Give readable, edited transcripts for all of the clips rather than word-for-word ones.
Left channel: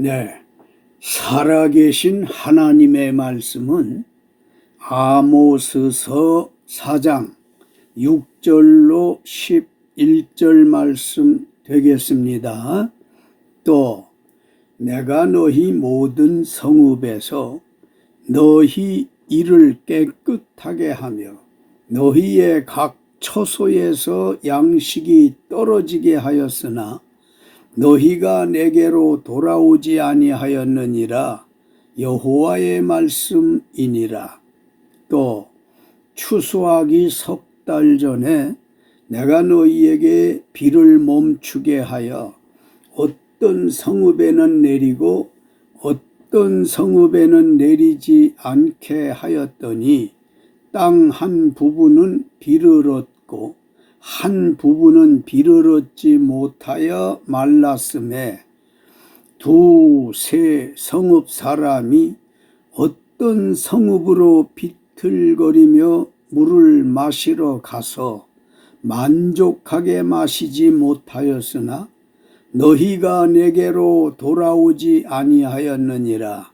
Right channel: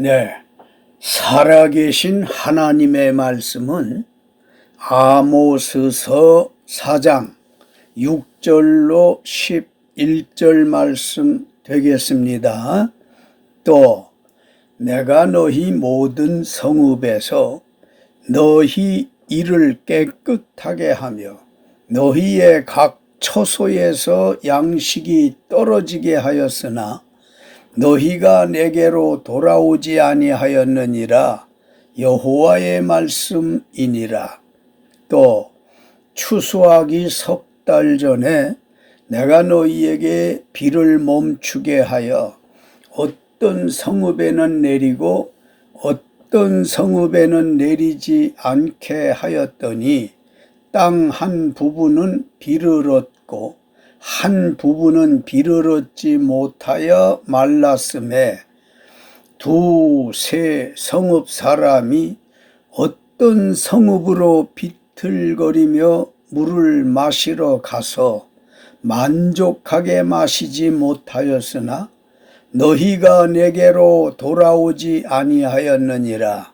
네, 살아계신 하나님의 말씀은 아모스서 4장 6절로 11절 말씀 되겠습니다. 또 내가 너희 모든 성읍에서 너희 일을 깨끗하게 하며 너희의 각 처소에서 양식이 떨어지게 하였으나 너희가 내게로 돌아오지 아니하였느니라. 여호와의 말씀이니라. 또 추수하기 석 달 전에 내가 너희에게 비를 멈추게 하여 어떤 성읍에는 내리고 어떤 성읍에는 내리지 않게 하였더니 땅 한 부분은 비를 얻고 한 부분은 비를 얻지 못하여 말랐음에 두세 성읍 사람이 어떤 성읍으로 비틀거리며 물을 마시러 가서 만족하게 마시지 못하였으나 너희가 내게로 돌아오지 아니하였느니라.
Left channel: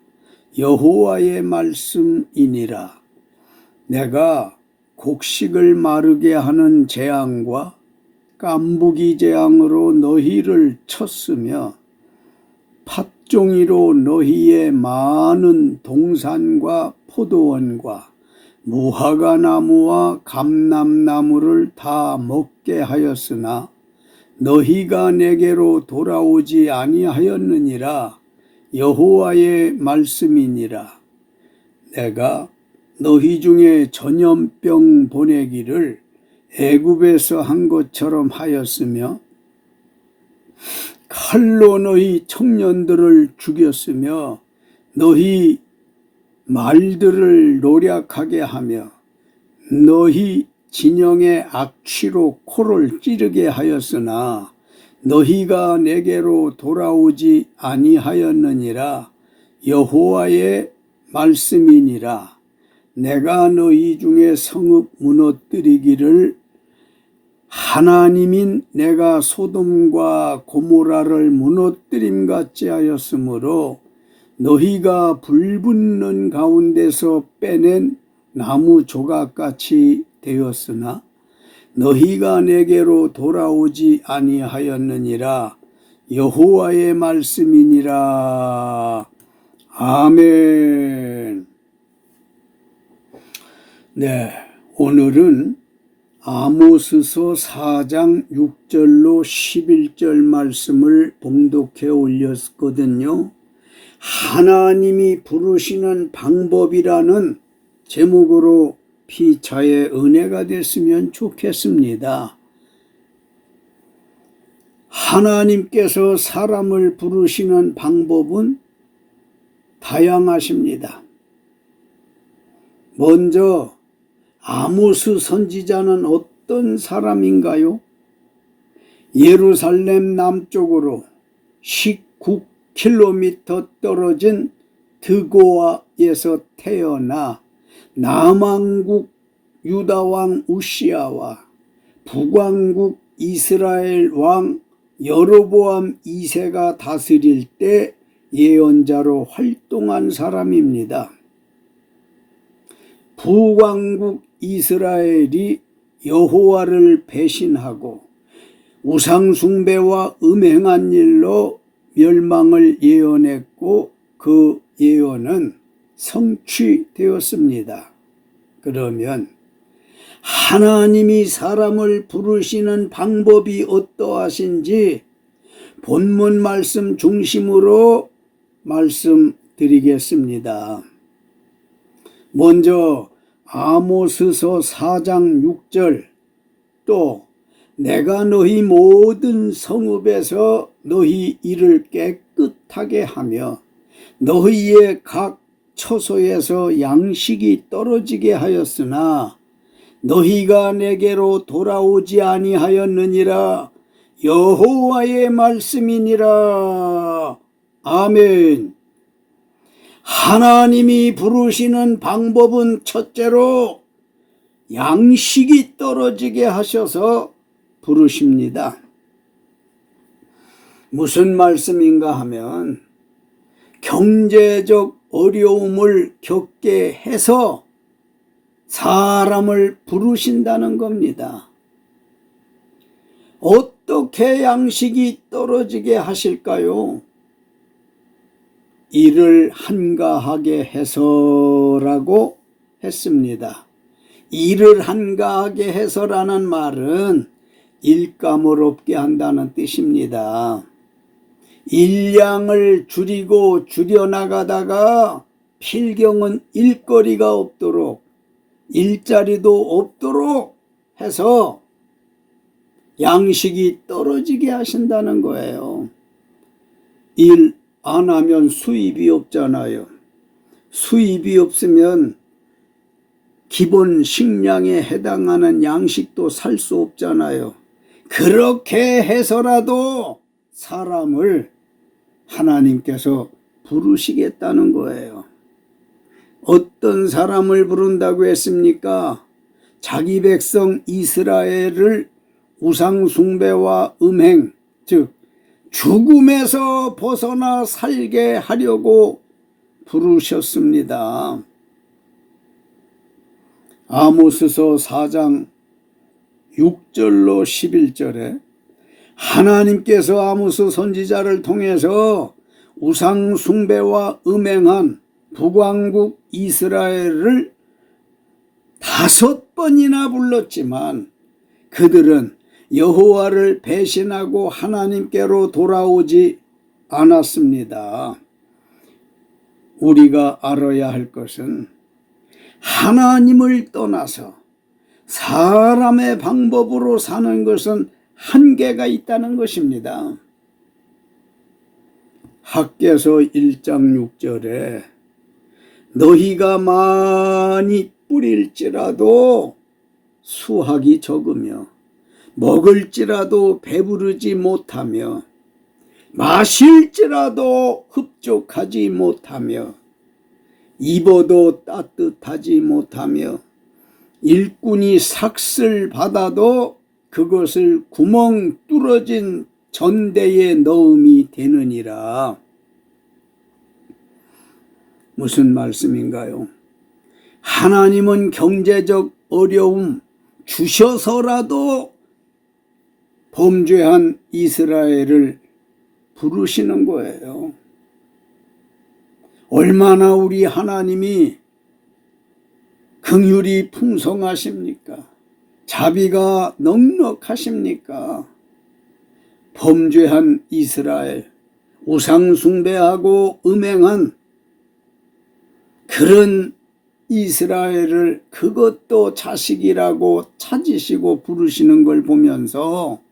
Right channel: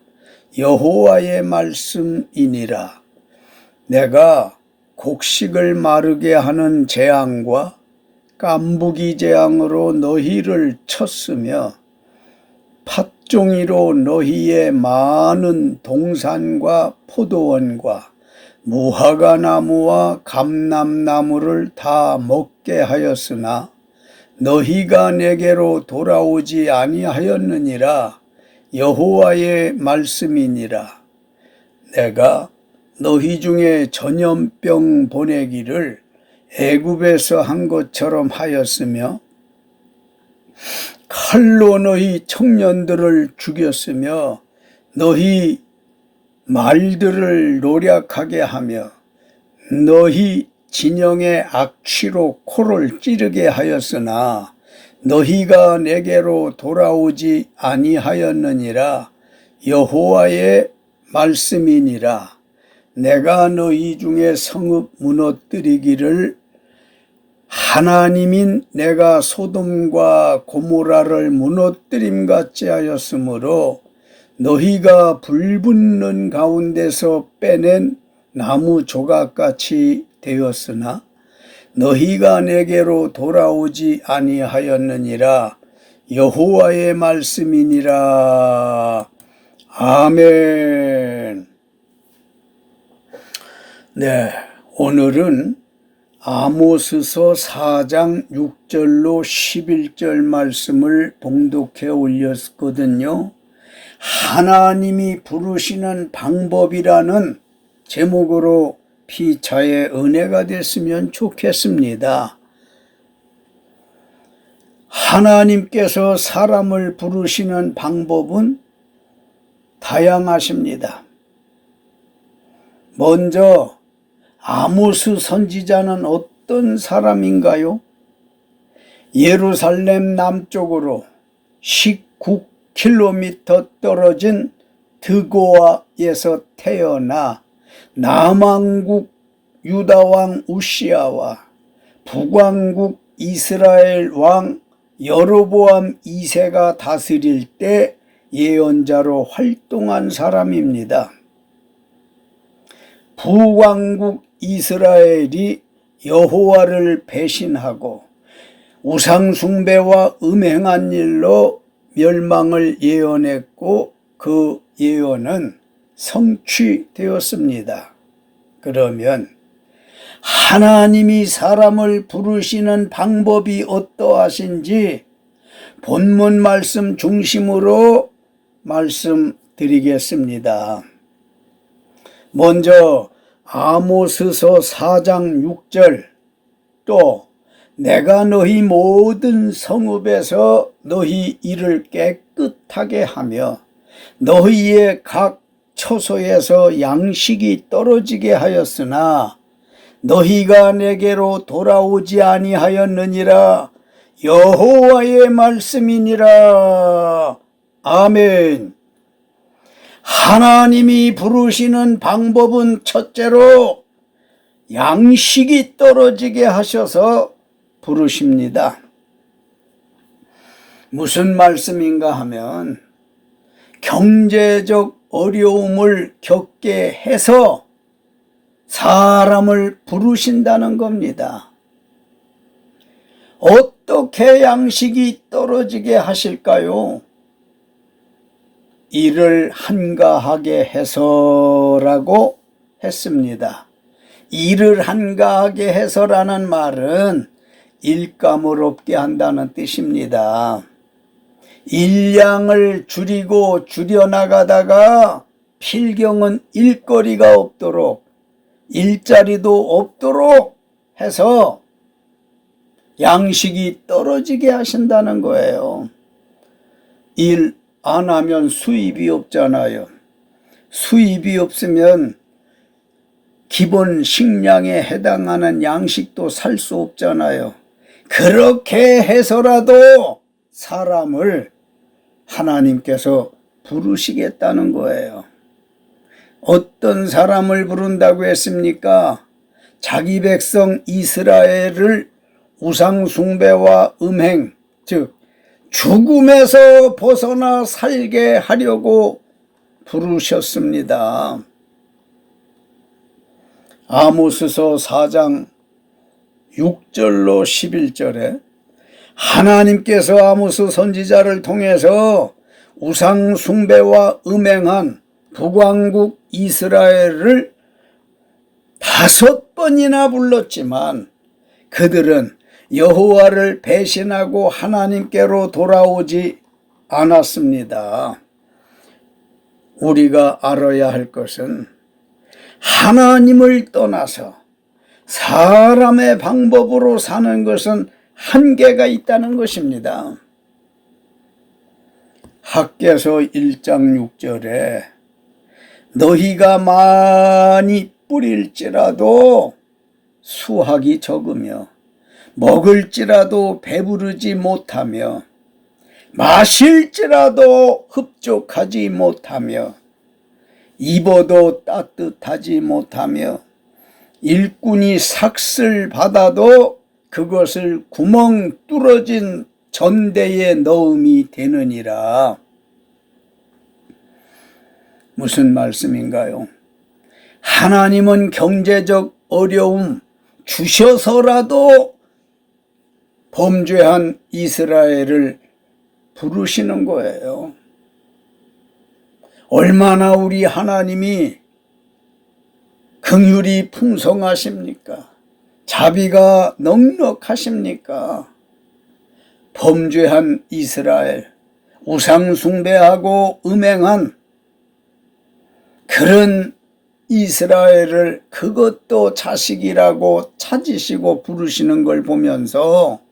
여호와의 말씀이니라. 내가 곡식을 마르게 하는 재앙과 깐부기 재앙으로 너희를 쳤으며 팥종이로 너희의 많은 동산과 포도원과 무화과나무와 감람나무를 다 먹게 하였으나 너희가 내게로 돌아오지 아니하였느니라. 여호와의 말씀이니라. 내가 너희 중에 전염병 보내기를 애굽에서 한 것처럼 하였으며 칼로 너희 청년들을 죽였으며 너희 말들을 노략하게 하며 너희 진영의 악취로 코를 찌르게 하였으나 너희가 내게로 돌아오지 아니하였느니라. 여호와의 말씀이니라. 내가 너희 중에 성읍 무너뜨리기를 하나님인 내가 소돔과 고모라를 무너뜨림 같이 하였으므로 너희가 불붙는 가운데서 빼낸 나무 조각같이 되었으나 너희가 내게로 돌아오지 아니하였느니라. 여호와의 말씀이니라. 아멘. 네, 오늘은 아모스서 4장 6절로 11절 말씀을 봉독해 올렸거든요. 하나님이 부르시는 방법이라는 제목으로 피차의 은혜가 됐으면 좋겠습니다. 하나님께서 사람을 부르시는 방법은 다양하십니다. 먼저 아모스 선지자는 어떤 사람인가요? 예루살렘 남쪽으로 19km 떨어진 드고아에서 태어나 남왕국 유다왕 우시아와 북왕국 이스라엘 왕 여로보암 2세가 다스릴 때 예언자로 활동한 사람입니다. 북왕국 이스라엘이 여호와를 배신하고 우상숭배와 음행한 일로 멸망을 예언했고 그 예언은 성취되었습니다. 그러면 하나님이 사람을 부르시는 방법이 어떠하신지 본문 말씀 중심으로 말씀드리겠습니다. 먼저 아모스서 4장 6절 또 내가 너희 모든 성읍에서 너희 일을 깨끗하게 하며 너희의 각 처소에서 양식이 떨어지게 하였으나 너희가 내게로 돌아오지 아니하였느니라. 여호와의 말씀이니라. 아멘. 하나님이 부르시는 방법은 첫째로 양식이 떨어지게 하셔서 부르십니다. 무슨 말씀인가 하면 경제적 어려움을 겪게 해서 사람을 부르신다는 겁니다. 어떻게 양식이 떨어지게 하실까요? 일을 한가하게 해서라고 했습니다. 일을 한가하게 해서라는 말은 일감을 없게 한다는 뜻입니다. 일량을 줄이고 줄여나가다가 필경은 일거리가 없도록 일자리도 없도록 해서 양식이 떨어지게 하신다는 거예요. 일 안 하면 수입이 없잖아요. 수입이 없으면 기본 식량에 해당하는 양식도 살 수 없잖아요. 그렇게 해서라도 사람을 하나님께서 부르시겠다는 거예요. 어떤 사람을 부른다고 했습니까? 자기 백성 이스라엘을 우상 숭배와 음행, 즉 죽음에서 벗어나 살게 하려고 부르셨습니다. 아모스서 4장 6절로 11절에 하나님께서 아모스 선지자를 통해서 우상 숭배와 음행한 북왕국 이스라엘을 5번이나 불렀지만 그들은 여호와를 배신하고 하나님께로 돌아오지 않았습니다. 우리가 알아야 할 것은 하나님을 떠나서 사람의 방법으로 사는 것은 한계가 있다는 것입니다. 학개서 1장 6절에 너희가 많이 뿌릴지라도 수확이 적으며 먹을지라도 배부르지 못하며 마실지라도 흡족하지 못하며 입어도 따뜻하지 못하며 일꾼이 삭슬 받아도 그것을 구멍 뚫어진 전대에 넣음이 되느니라. 무슨 말씀인가요? 하나님은 경제적 어려움 주셔서라도 범죄한 이스라엘을 부르시는 거예요. 얼마나 우리 하나님이 긍휼이 풍성하십니까? 자비가 넉넉하십니까? 범죄한 이스라엘, 우상 숭배하고 음행한 그런 이스라엘을 그것도 자식이라고 찾으시고 부르시는 걸 보면서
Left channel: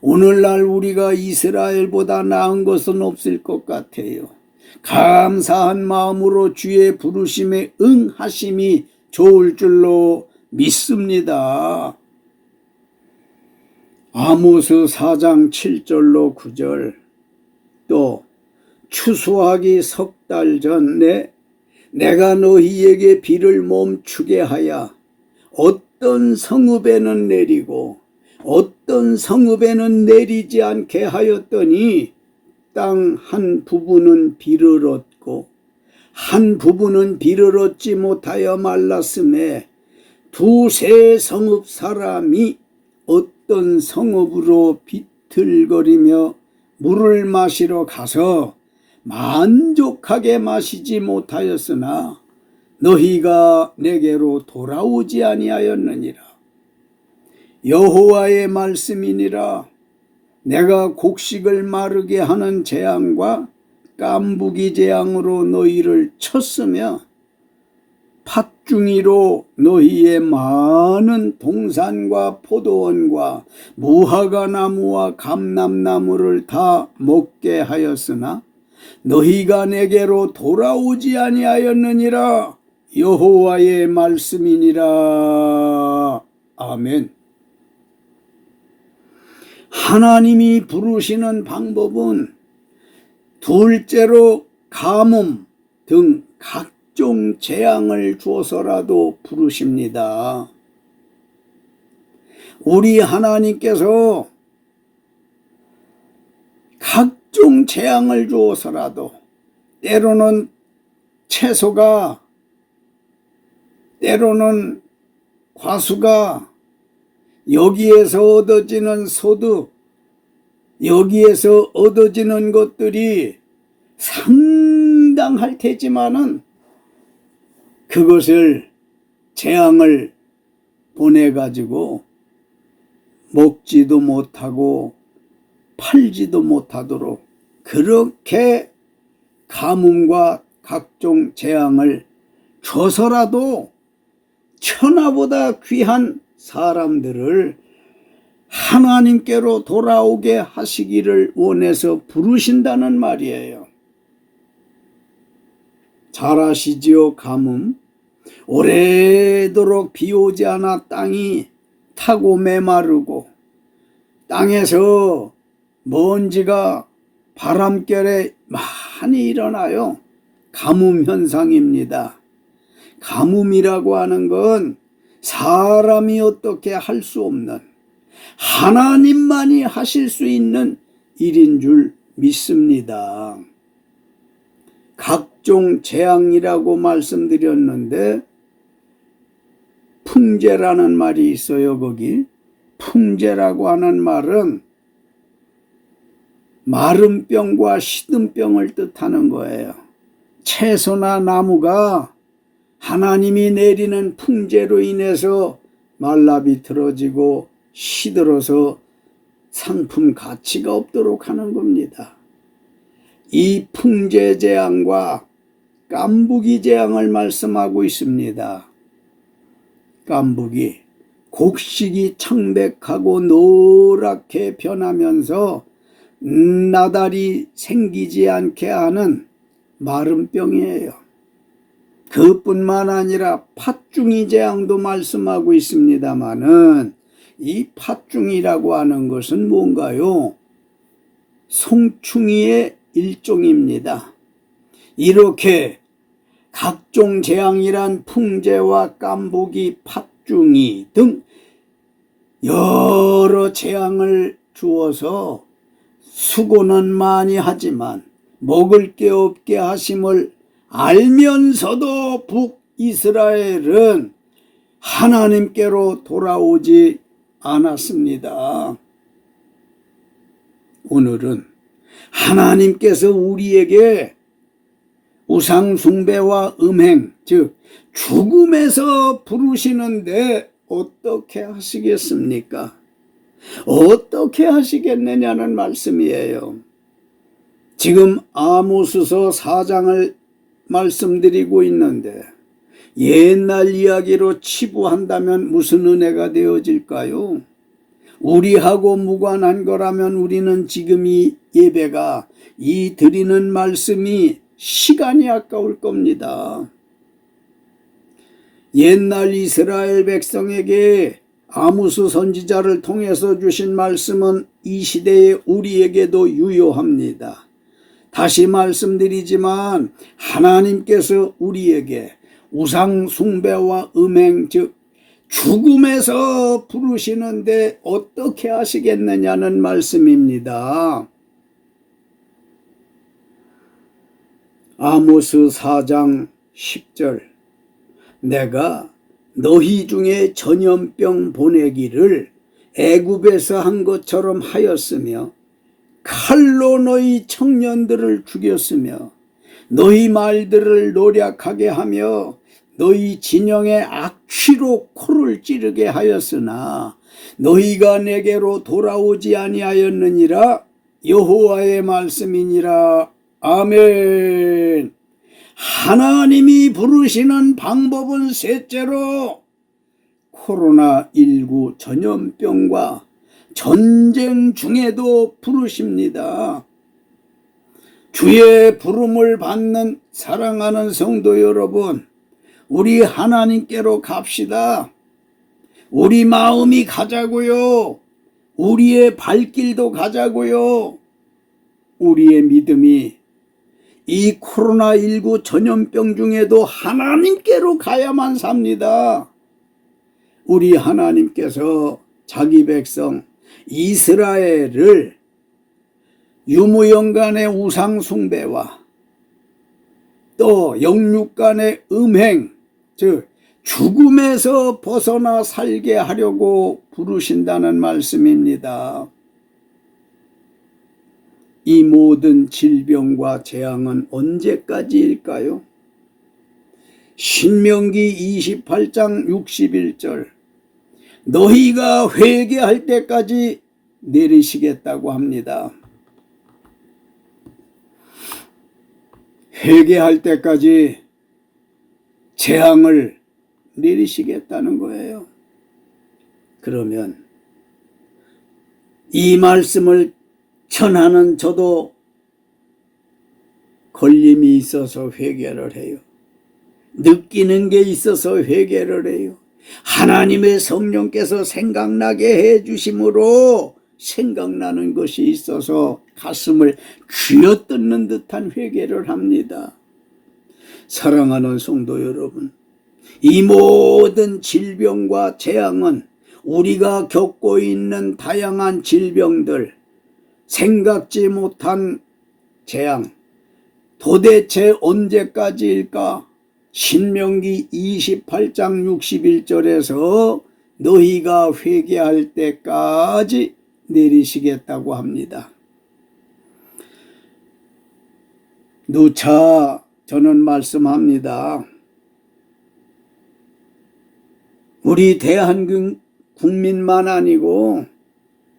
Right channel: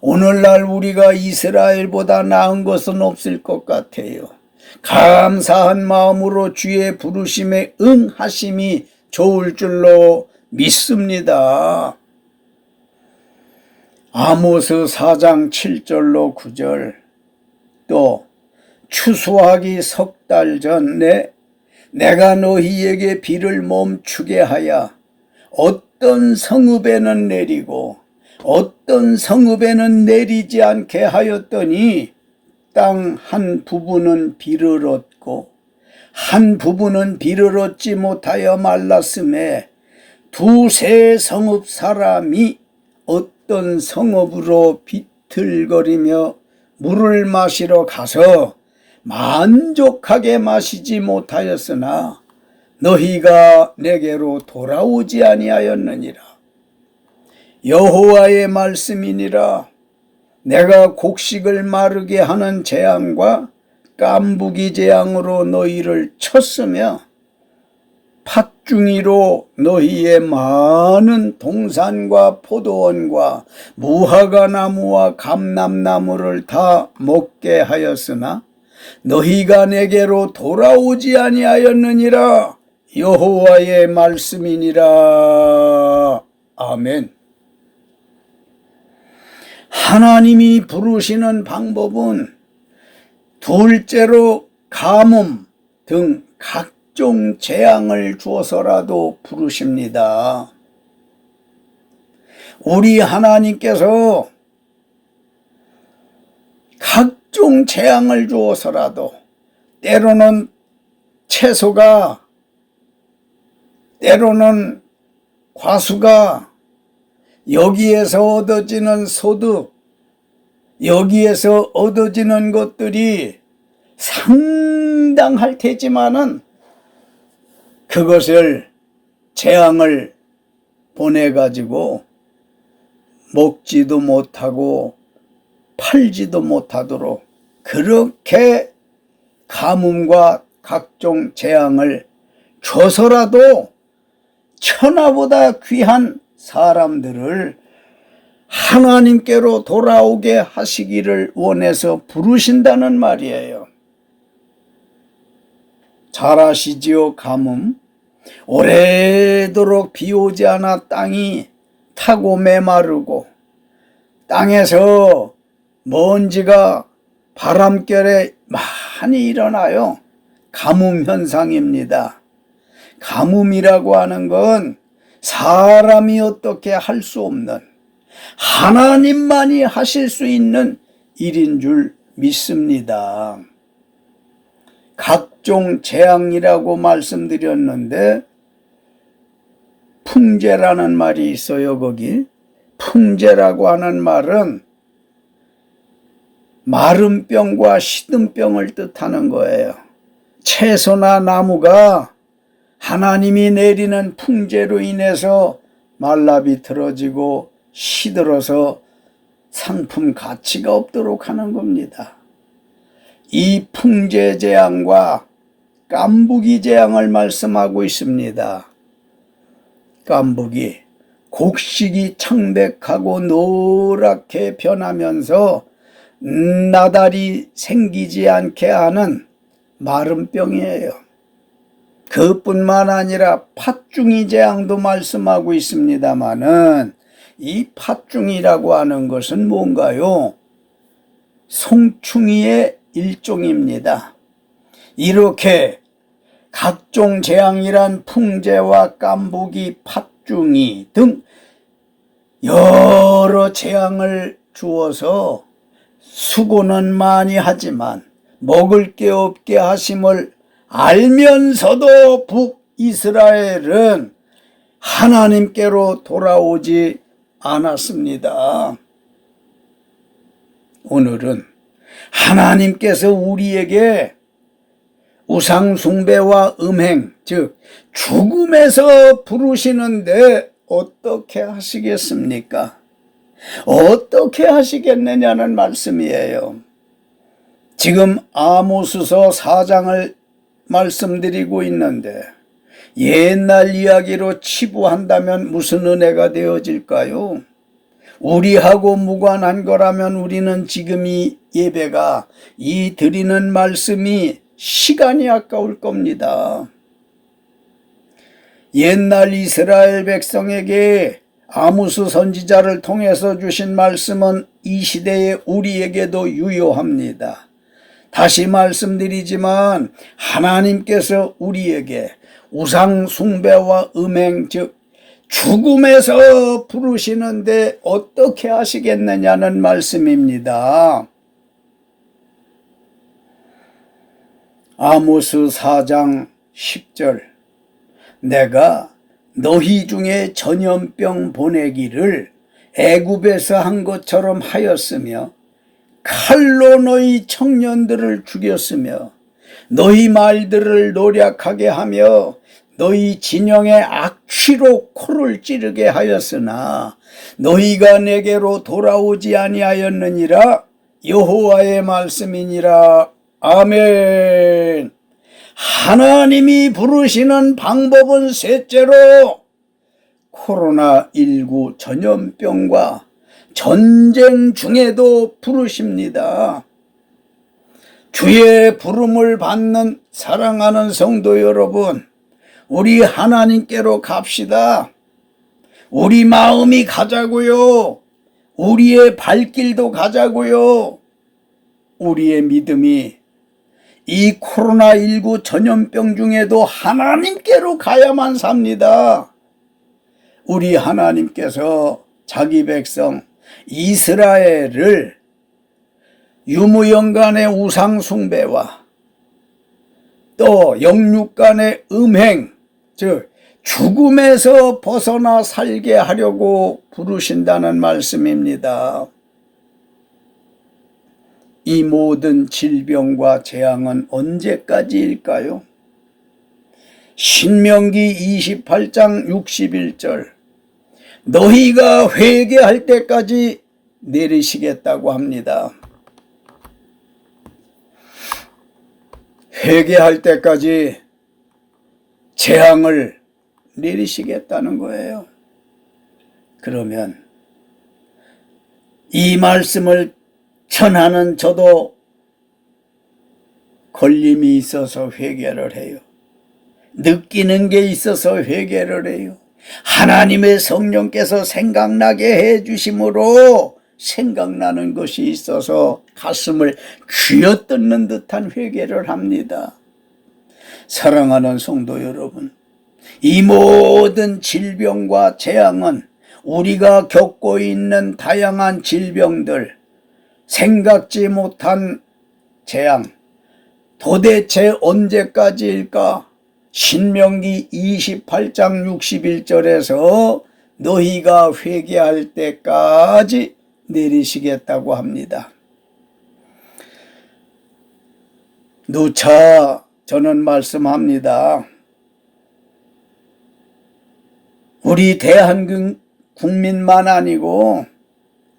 오늘날 우리가 이스라엘보다 나은 것은 없을 것 같아요. 감사한 마음으로 주의 부르심에 응하심이 좋을 줄로 믿습니다. 아모스 4장 7절로 9절 또 추수하기 3달 전에 내가 너희에게 비를 멈추게 하여 어떤 성읍에는 내리고 어떤 성읍에는 내리지 않게 하였더니 땅 한 부분은 비를 얻고 한 부분은 비를 얻지 못하여 말랐음에 2-3 성읍 사람이 어떤 성읍으로 비틀거리며 물을 마시러 가서 만족하게 마시지 못하였으나 너희가 내게로 돌아오지 아니하였느니라. 여호와의 말씀이니라. 내가 곡식을 마르게 하는 재앙과 깐부기 재앙으로 너희를 쳤으며 팥중이로 너희의 많은 동산과 포도원과 무화과나무와 감람나무를 다 먹게 하였으나 너희가 내게로 돌아오지 아니하였느니라. 여호와의 말씀이니라. 아멘. 하나님이 부르시는 방법은 둘째로 가뭄 등 각종 재앙을 주어서라도 부르십니다. 우리 하나님께서 각종 재앙을 주어서라도 때로는 채소가, 때로는 과수가, 여기에서 얻어지는 소득, 여기에서 얻어지는 것들이 상당할 테지만은 그것을 재앙을 보내가지고 먹지도 못하고 팔지도 못하도록 그렇게 가뭄과 각종 재앙을 줘서라도 천하보다 귀한 사람들을 하나님께로 돌아오게 하시기를 원해서 부르신다는 말이에요. 잘 아시지요? 가뭄. 오래도록 비 오지 않아 땅이 타고 메마르고 땅에서 먼지가 바람결에 많이 일어나요. 가뭄 현상입니다. 가뭄이라고 하는 건 사람이 어떻게 할 수 없는, 하나님만이 하실 수 있는 일인 줄 믿습니다. 각종 재앙이라고 말씀드렸는데 풍재라는 말이 있어요. 거기 풍재라고 하는 말은 마른 병과 시든 병을 뜻하는 거예요. 채소나 나무가 하나님이 내리는 풍재로 인해서 말라비틀어지고 시들어서 상품 가치가 없도록 하는 겁니다. 이 풍재 재앙과 깐부기 재앙을 말씀하고 있습니다. 깐부기, 곡식이 창백하고 노랗게 변하면서 나달이 생기지 않게 하는 마른 병이에요. 그뿐만 아니라 팥중이 재앙도 말씀하고 있습니다마는 이 팥중이라고 하는 것은 뭔가요? 송충이의 일종입니다. 이렇게 각종 재앙이란 풍재와 깐부기, 팥중이 등 여러 재앙을 주어서 수고는 많이 하지만 먹을 게 없게 하심을 알면서도 북이스라엘은 하나님께로 돌아오지 않았습니다. 오늘은 하나님께서 우리에게 우상 숭배와 음행, 즉 죽음에서 부르시는데 어떻게 하시겠습니까? 어떻게 하시겠느냐는 말씀이에요. 지금 아모스서 4장을 말씀드리고 있는데 옛날 이야기로 치부한다면 무슨 은혜가 되어질까요? 우리하고 무관한 거라면 우리는 지금 이 예배가, 이 드리는 말씀이 시간이 아까울 겁니다. 옛날 이스라엘 백성에게 아모스 선지자를 통해서 주신 말씀은 이 시대에 우리에게도 유효합니다. 다시 말씀드리지만 하나님께서 우리에게 우상 숭배와 음행, 즉 죽음에서 부르시는데 어떻게 하시겠느냐는 말씀입니다. 아모스 4장 10절, 내가 너희 중에 전염병 보내기를 애굽에서 한 것처럼 하였으며 칼로 너희 청년들을 죽였으며 너희 말들을 노략하게 하며 너희 진영의 악취로 코를 찌르게 하였으나 너희가 내게로 돌아오지 아니하였느니라. 여호와의 말씀이니라. 아멘. 하나님이 부르시는 방법은 셋째로 코로나19 전염병과 전쟁 중에도 부르십니다. 주의 부름을 받는 사랑하는 성도 여러분, 우리 하나님께로 갑시다. 우리 마음이 가자고요. 우리의 발길도 가자고요. 우리의 믿음이 이 코로나19 전염병 중에도 하나님께로 가야만 삽니다. 우리 하나님께서 자기 백성 이스라엘을 유무연간의 우상 숭배와 또 영육간의 음행, 즉 죽음에서 벗어나 살게 하려고 부르신다는 말씀입니다. 이 모든 질병과 재앙은 언제까지일까요? 신명기 28장 61절, 너희가 회개할 때까지 내리시겠다고 합니다. 회개할 때까지 재앙을 내리시겠다는 거예요. 그러면 이 말씀을 전하는 저도 걸림이 있어서 회개를 해요. 느끼는 게 있어서 회개를 해요. 하나님의 성령께서 생각나게 해주심으로 생각나는 것이 있어서 가슴을 쥐어뜯는 듯한 회개를 합니다. 사랑하는 성도 여러분, 이 모든 질병과 재앙은 우리가 겪고 있는 다양한 질병들, 생각지 못한 재앙, 도대체 언제까지일까? 신명기 28장 61절에서 너희가 회개할 때까지 내리시겠다고 합니다. 누차 저는 말씀합니다. 우리 대한국민만 아니고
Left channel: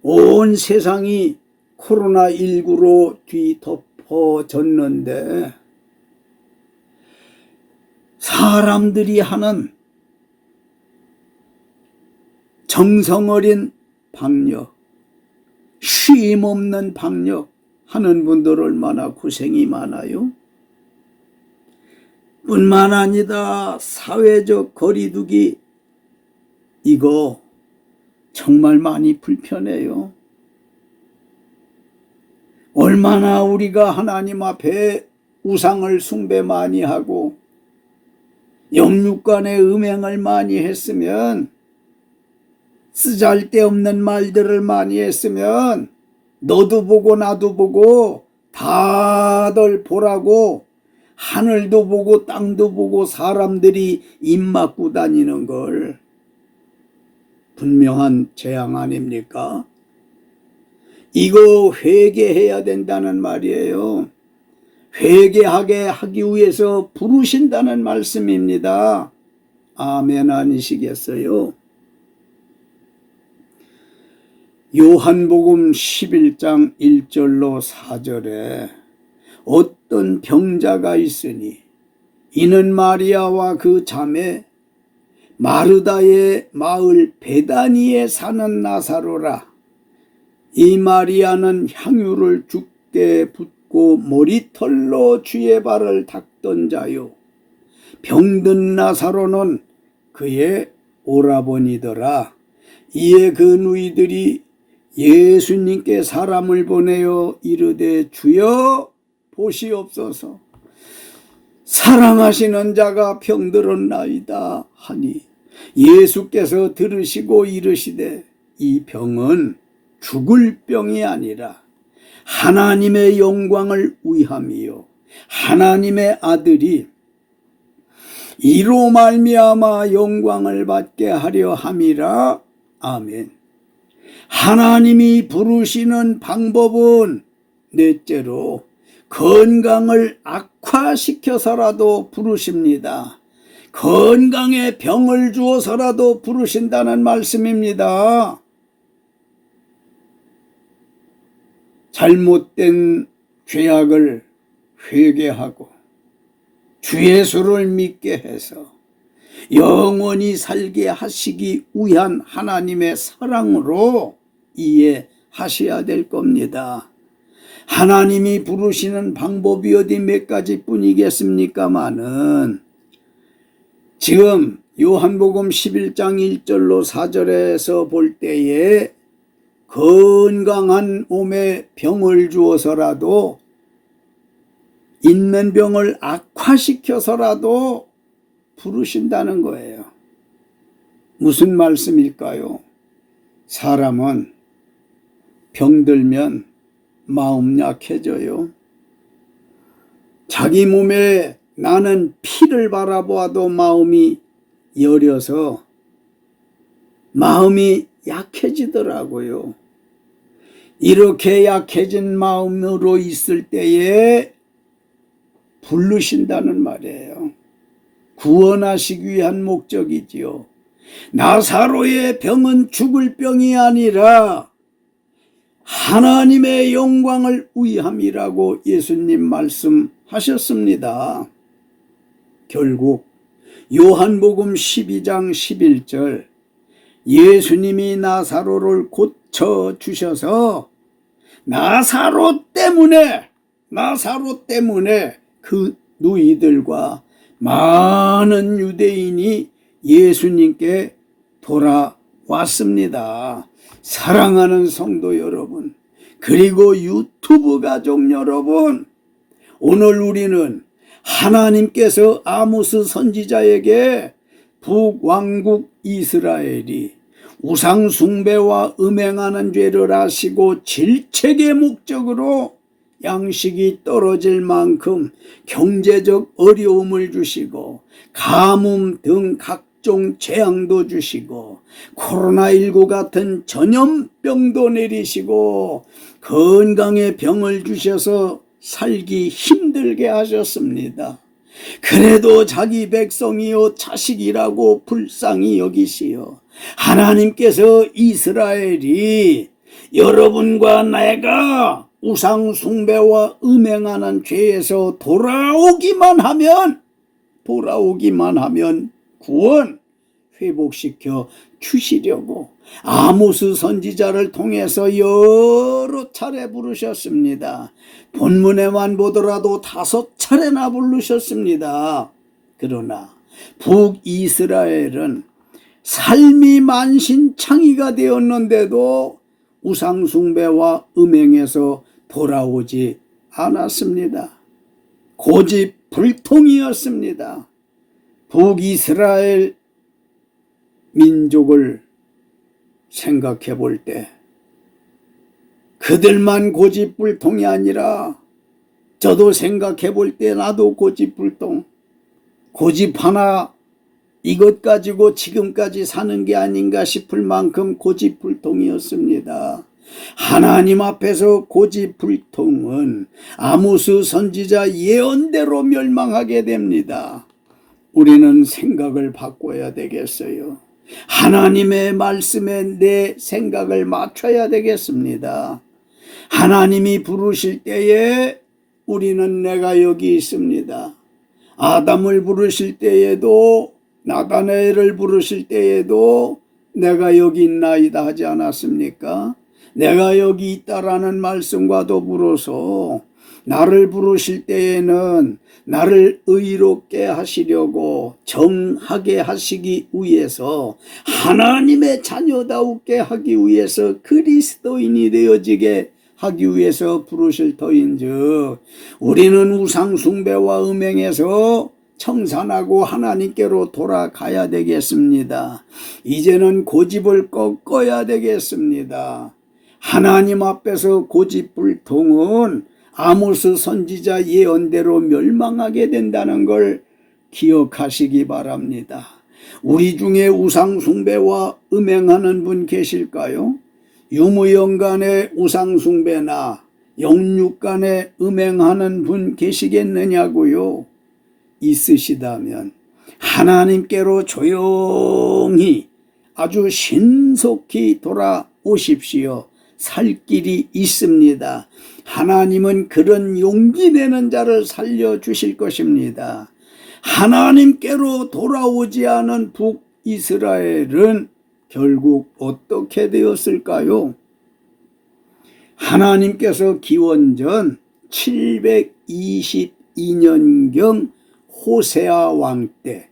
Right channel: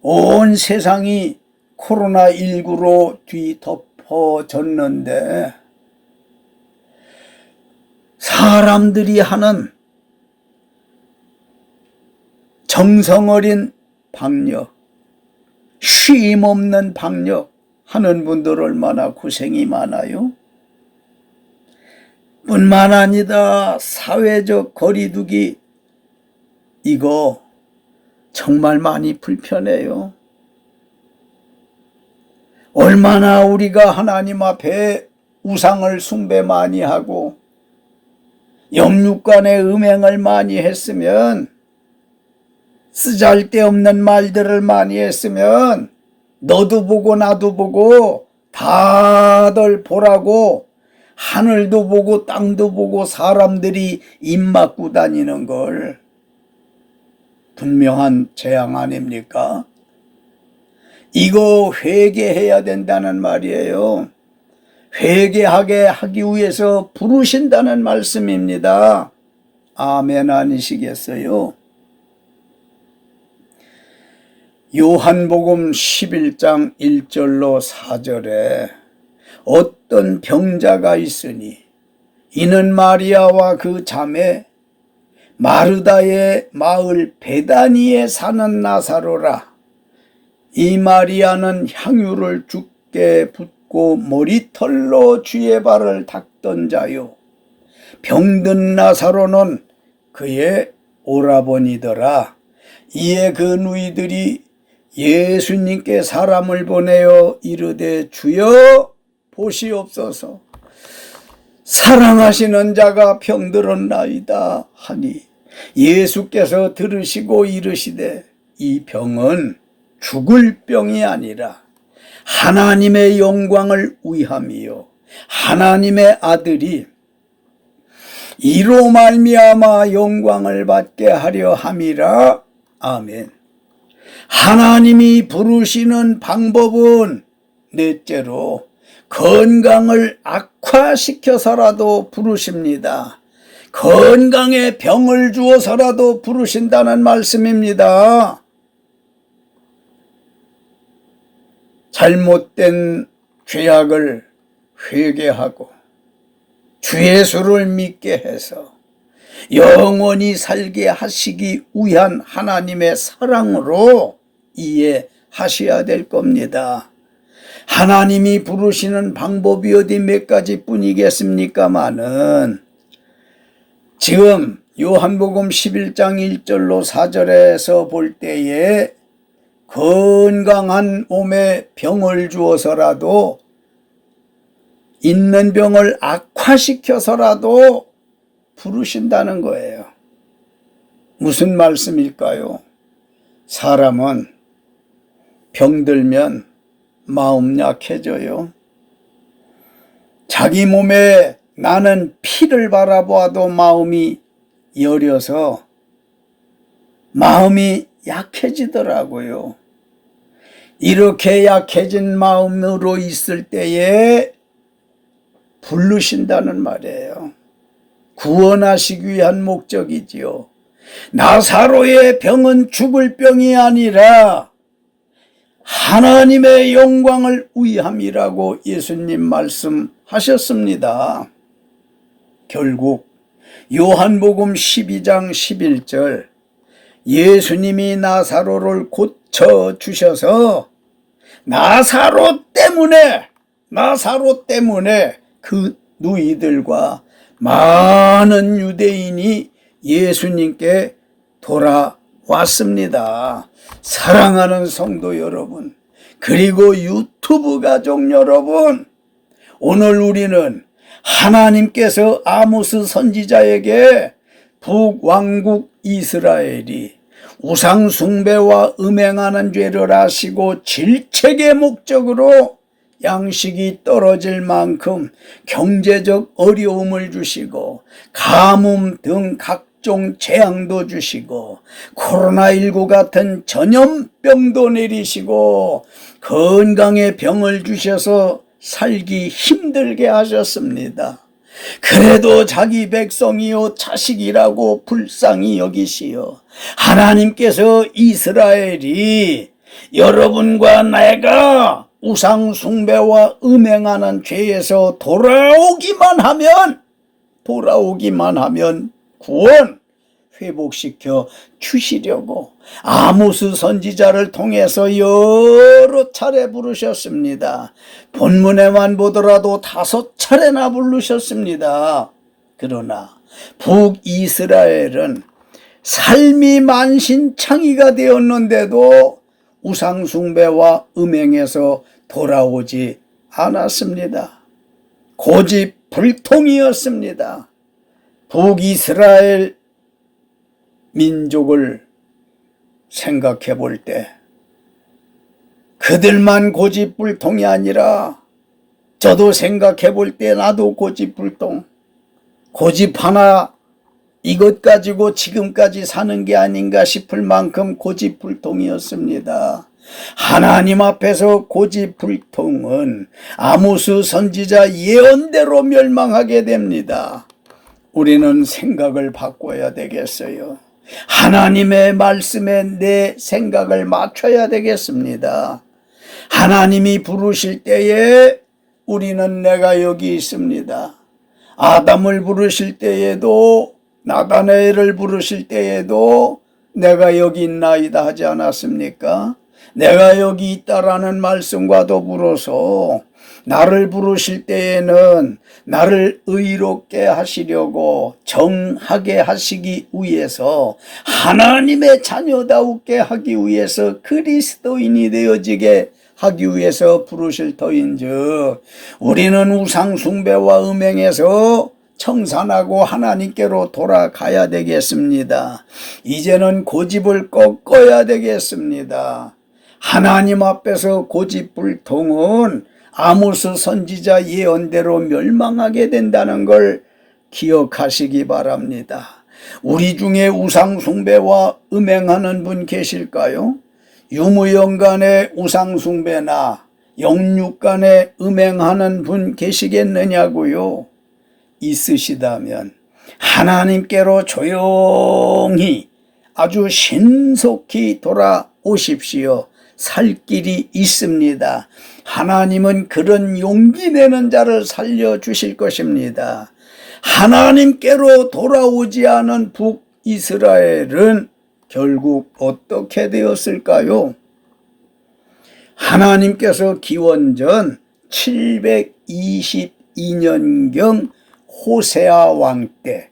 온 세상이 코로나19로 뒤덮어졌는데 사람들이 하는 정성어린 방역, 쉼없는 방역 하는 분들 얼마나 고생이 많아요. 뿐만 아니라 사회적 거리두기 이거 정말 많이 불편해요. 얼마나 우리가 하나님 앞에 우상을 숭배 많이 하고 영육간의 음행을 많이 했으면, 쓰잘데없는 말들을 많이 했으면 너도 보고 나도 보고 다들 보라고 하늘도 보고 땅도 보고 사람들이 입 막고 다니는 걸 분명한 재앙 아닙니까? 이거 회개해야 된다는 말이에요. 회개하게 하기 위해서 부르신다는 말씀입니다. 아멘 아니시겠어요? 요한복음 11장 1절로 4절에 어떤 병자가 있으니 이는 마리아와 그 자매 마르다의 마을 베다니에 사는 나사로라. 이 마리아는 향유를 주께 붓고 머리털로 주의 발을 닦던 자요, 병든 나사로는 그의 오라버니더라. 이에 그 누이들이 예수님께 사람을 보내어 이르되 주여 보시옵소서, 사랑하시는 자가 병들었나이다 하니 예수께서 들으시고 이르시되 이 병은 죽을 병이 아니라 하나님의 영광을 위함이요 하나님의 아들이 이로 말미암아 영광을 받게 하려 함이라. 아멘. 하나님이 부르시는 방법은 넷째로 건강을 악화시켜서라도 부르십니다. 건강에 병을 주어서라도 부르신다는 말씀입니다. 잘못된 죄악을 회개하고 주 예수를 믿게 해서 영원히 살게 하시기 위한 하나님의 사랑으로 이해하셔야 될 겁니다. 하나님이 부르시는 방법이 어디 몇 가지뿐이겠습니까마는 지금 요한복음 11장 1절로 4절에서 볼 때에 건강한 몸에 병을 주어서라도, 있는 병을 악화시켜서라도 부르신다는 거예요. 무슨 말씀일까요? 사람은 병들면 마음 약해져요. 자기 몸에 나는 피를 바라보아도 마음이 여려서 마음이 약해지더라고요. 이렇게 약해진 마음으로 있을 때에 부르신다는 말이에요. 구원하시기 위한 목적이지요. 나사로의 병은 죽을 병이 아니라 하나님의 영광을 위함이라고 예수님 말씀하셨습니다. 결국 요한복음 12장 11절 예수님이 나사로를 고쳐주셔서 나사로 때문에 그 누이들과 많은 유대인이 예수님께 돌아왔습니다. 사랑하는 성도 여러분, 그리고 유튜브 가족 여러분, 오늘 우리는 하나님께서 아모스 선지자에게 북왕국 이스라엘이 우상숭배와 음행하는 죄를 아시고 질책의 목적으로 양식이 떨어질 만큼 경제적 어려움을 주시고 가뭄 등 각종 재앙도 주시고 코로나19 같은 전염병도 내리시고 건강의 병을 주셔서 살기 힘들게 하셨습니다. 그래도 자기 백성이요 자식이라고 불쌍히 여기시어 하나님께서 이스라엘이 여러분과 내가 우상 숭배와 음행하는 죄에서 돌아오기만 하면 구원 회복시켜 주시려고 아모스 선지자를 통해서 여러 차례 부르셨습니다. 본문에만 보더라도 5차례나 부르셨습니다. 그러나 북이스라엘은 삶이 만신창이가 되었는데도 우상숭배와 음행에서 돌아오지 않았습니다. 고집불통이었습니다. 북이스라엘 민족을 생각해 볼 때 그들만 고집불통이 아니라 저도 생각해 볼 때 나도 고집불통, 고집 하나 이것 가지고 지금까지 사는 게 아닌가 싶을 만큼 고집불통이었습니다. 하나님 앞에서 고집불통은 아모스 선지자 예언대로 멸망하게 됩니다. 우리는 생각을 바꿔야 되겠어요. 하나님의 말씀에 내 생각을 맞춰야 되겠습니다. 하나님이 부르실 때에 우리는 내가 여기 있습니다. 아담을 부르실 때에도 나다나엘을 부르실 때에도 내가 여기 있나이다 하지 않았습니까? 내가 여기 있다라는 말씀과 더불어서 나를 부르실 때에는 나를 의롭게 하시려고 정하게 하시기 위해서 하나님의 자녀다우게 하기 위해서 그리스도인이 되어지게 하기 위해서 부르실 터인즉 우리는 우상숭배와 음행에서 청산하고 하나님께로 돌아가야 되겠습니다. 이제는 고집을 꺾어야 되겠습니다. 하나님 앞에서 고집불통은 아모스 선지자 예언대로 멸망하게 된다는 걸 기억하시기 바랍니다. 우리 중에 우상숭배와 음행하는 분 계실까요? 유무연간의 우상숭배나 영육간의 음행하는 분 계시겠느냐고요? 있으시다면 하나님께로 조용히 아주 신속히 돌아오십시오. 살 길이 있습니다. 하나님은 그런 용기 내는 자를 살려주실 것입니다. 하나님께로 돌아오지 않은 북이스라엘은 결국 어떻게 되었을까요? 하나님께서 기원전 722년경 호세아 왕 때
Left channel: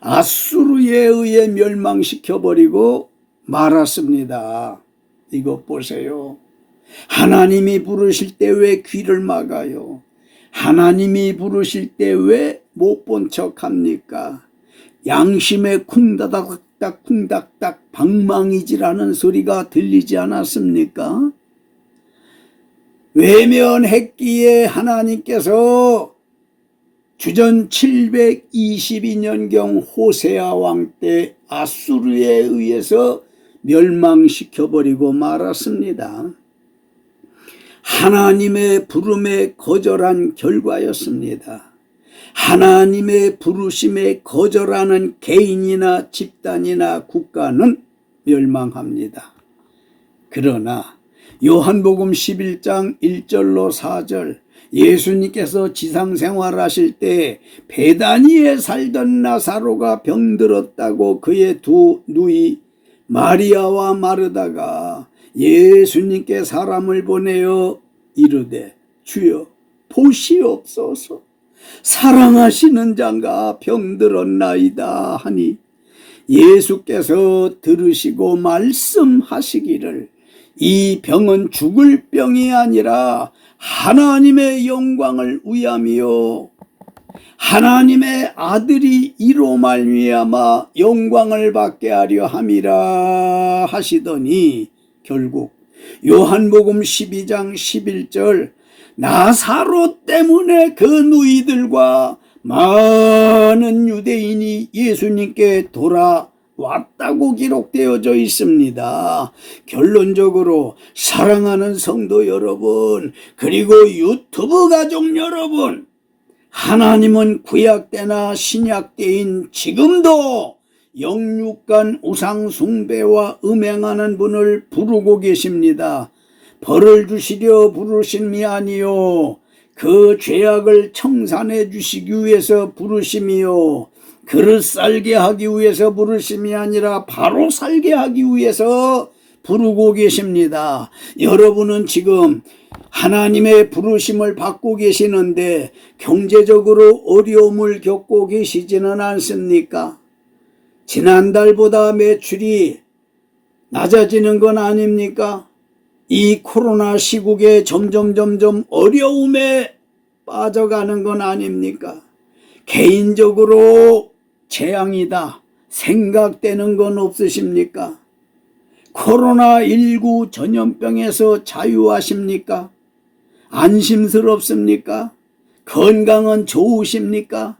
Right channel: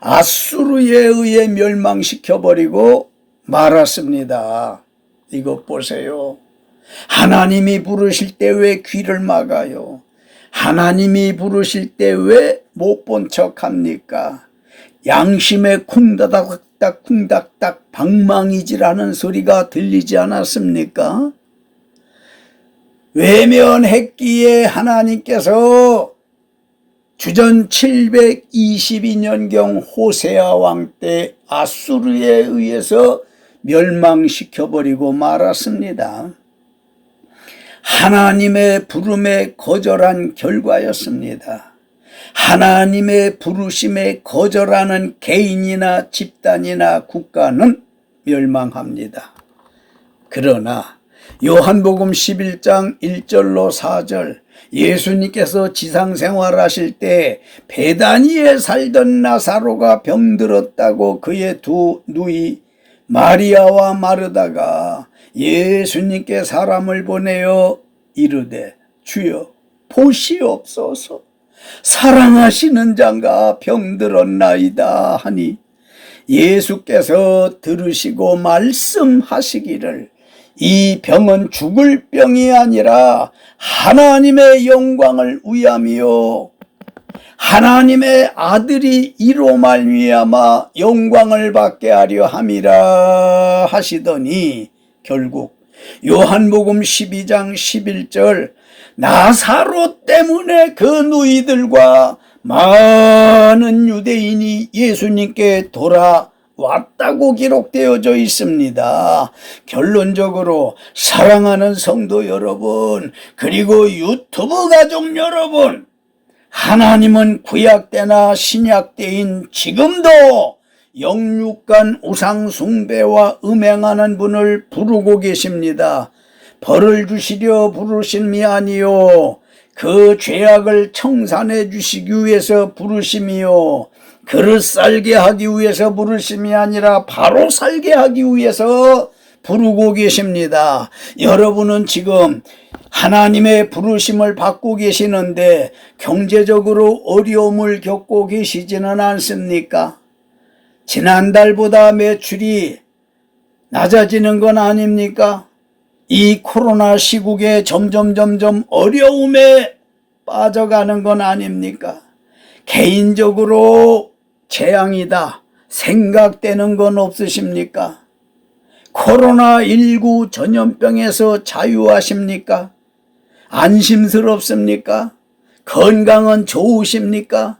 아수르에 의해 멸망시켜버리고 말았습니다. 이것 보세요. 하나님이 부르실 때 왜 귀를 막아요? 하나님이 부르실 때 왜 못 본 척합니까? 양심에 쿵다닥닥 쿵닥닥 방망이질하는 소리가 들리지 않았습니까? 외면했기에 하나님께서 주전 722년경 호세아 왕 때 아수르에 의해서 멸망시켜버리고 말았습니다. 하나님의 부름에 거절한 결과였습니다. 하나님의 부르심에 거절하는 개인이나 집단이나 국가는 멸망합니다. 그러나 요한복음 11장 1절로 4절 예수님께서 지상생활하실 때 베다니에 살던 나사로가 병들었다고 그의 두 누이 마리아와 마르다가 예수님께 사람을 보내어 이르되 주여 보시옵소서 사랑하시는 자가 병들었나이다 하니 예수께서 들으시고 말씀하시기를 이 병은 죽을 병이 아니라 하나님의 영광을 위함이요 하나님의 아들이 이로 말미암아 영광을 받게 하려 함이라 하시더니 결국 요한복음 12장 11절 나사로 때문에 그 누이들과 많은 유대인이 예수님께 돌아왔다고 기록되어져 있습니다. 결론적으로 사랑하는 성도 여러분, 그리고 유튜브 가족 여러분, 하나님은 구약 때나 신약 때인 지금도 영육간 우상 숭배와 음행하는 분을 부르고 계십니다. 벌을 주시려 부르심이 아니요 그 죄악을 청산해 주시기 위해서 부르심이요 그릇 살게 하기 위해서 부르심이 아니라 바로 살게 하기 위해서 부르고 계십니다. 여러분은 지금 하나님의 부르심을 받고 계시는데 경제적으로 어려움을 겪고 계시지는 않습니까? 지난달보다 매출이 낮아지는 건 아닙니까? 이 코로나 시국에 점점 어려움에 빠져가는 건 아닙니까? 개인적으로 재앙이다 생각되는 건 없으십니까? 코로나19 전염병에서 자유하십니까? 안심스럽습니까? 건강은 좋으십니까?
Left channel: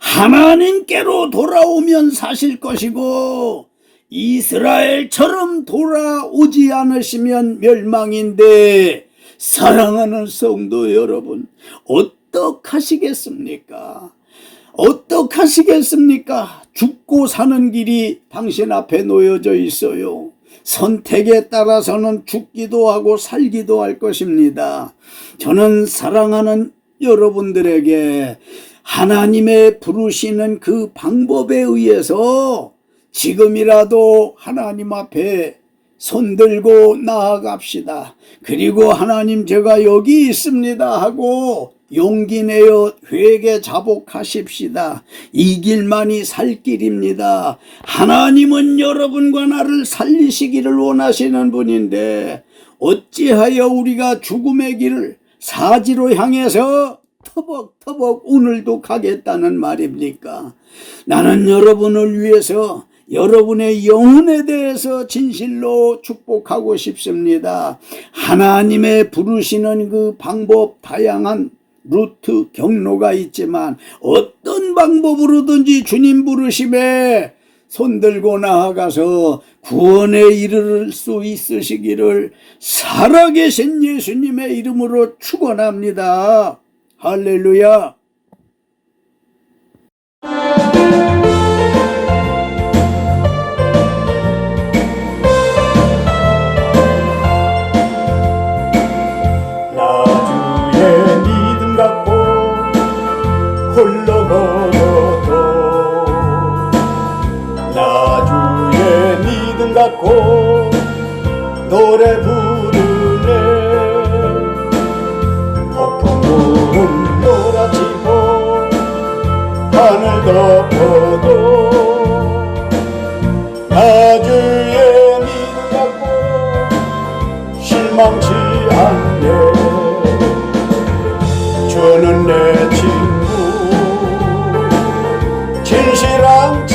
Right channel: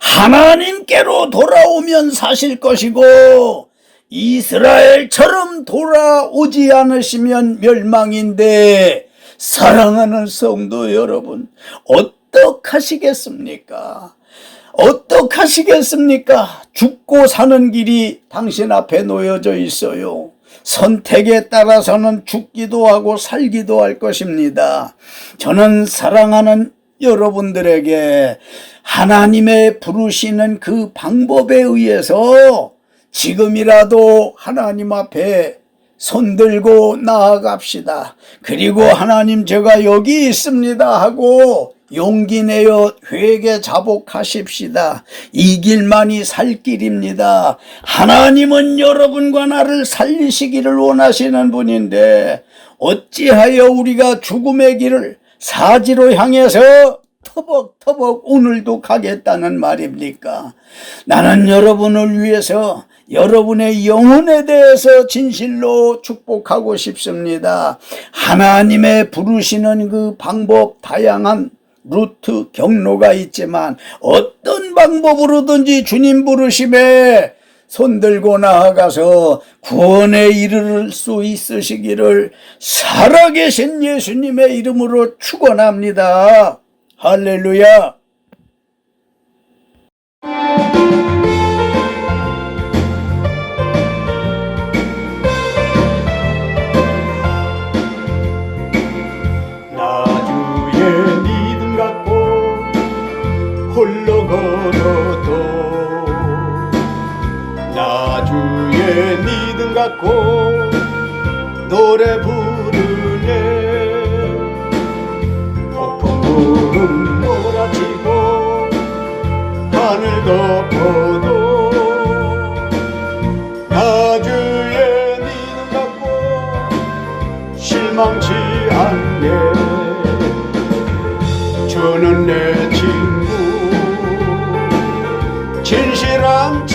하나님께로 돌아오면 사실 것이고 이스라엘처럼 돌아오지 않으시면 멸망인데 사랑하는 성도 여러분 어떡하시겠습니까? 어떡하시겠습니까? 죽고 사는 길이 당신 앞에 놓여져 있어요. 선택에 따라서는 죽기도 하고 살기도 할 것입니다. 저는 사랑하는 여러분들에게 하나님의 부르시는 그 방법에 의해서 지금이라도 하나님 앞에 손들고 나아갑시다. 그리고 하나님 제가 여기 있습니다 하고 용기 내어 회개 자복하십시다. 이 길만이 살 길입니다. 하나님은 여러분과 나를 살리시기를 원하시는 분인데 어찌하여 우리가 죽음의 길을 사지로 향해서 터벅터벅 오늘도 가겠다는 말입니까? 나는 여러분을 위해서 여러분의 영혼에 대해서 진실로 축복하고 싶습니다. 하나님의 부르시는 그 방법 다양한 루트 경로가 있지만 어떤 방법으로든지 주님 부르심에 손들고 나아가서 구원에 이르를 수 있으시기를 살아계신 예수님의 이름으로 축원합니다. 할렐루야. 홀로 걸어도 나 주의 믿음 갖고 노래 부르네 폭풍우는 몰아치고 하늘 덮어도 나 주의 믿음 갖고 실망치 않네 주는 내 친구 진실한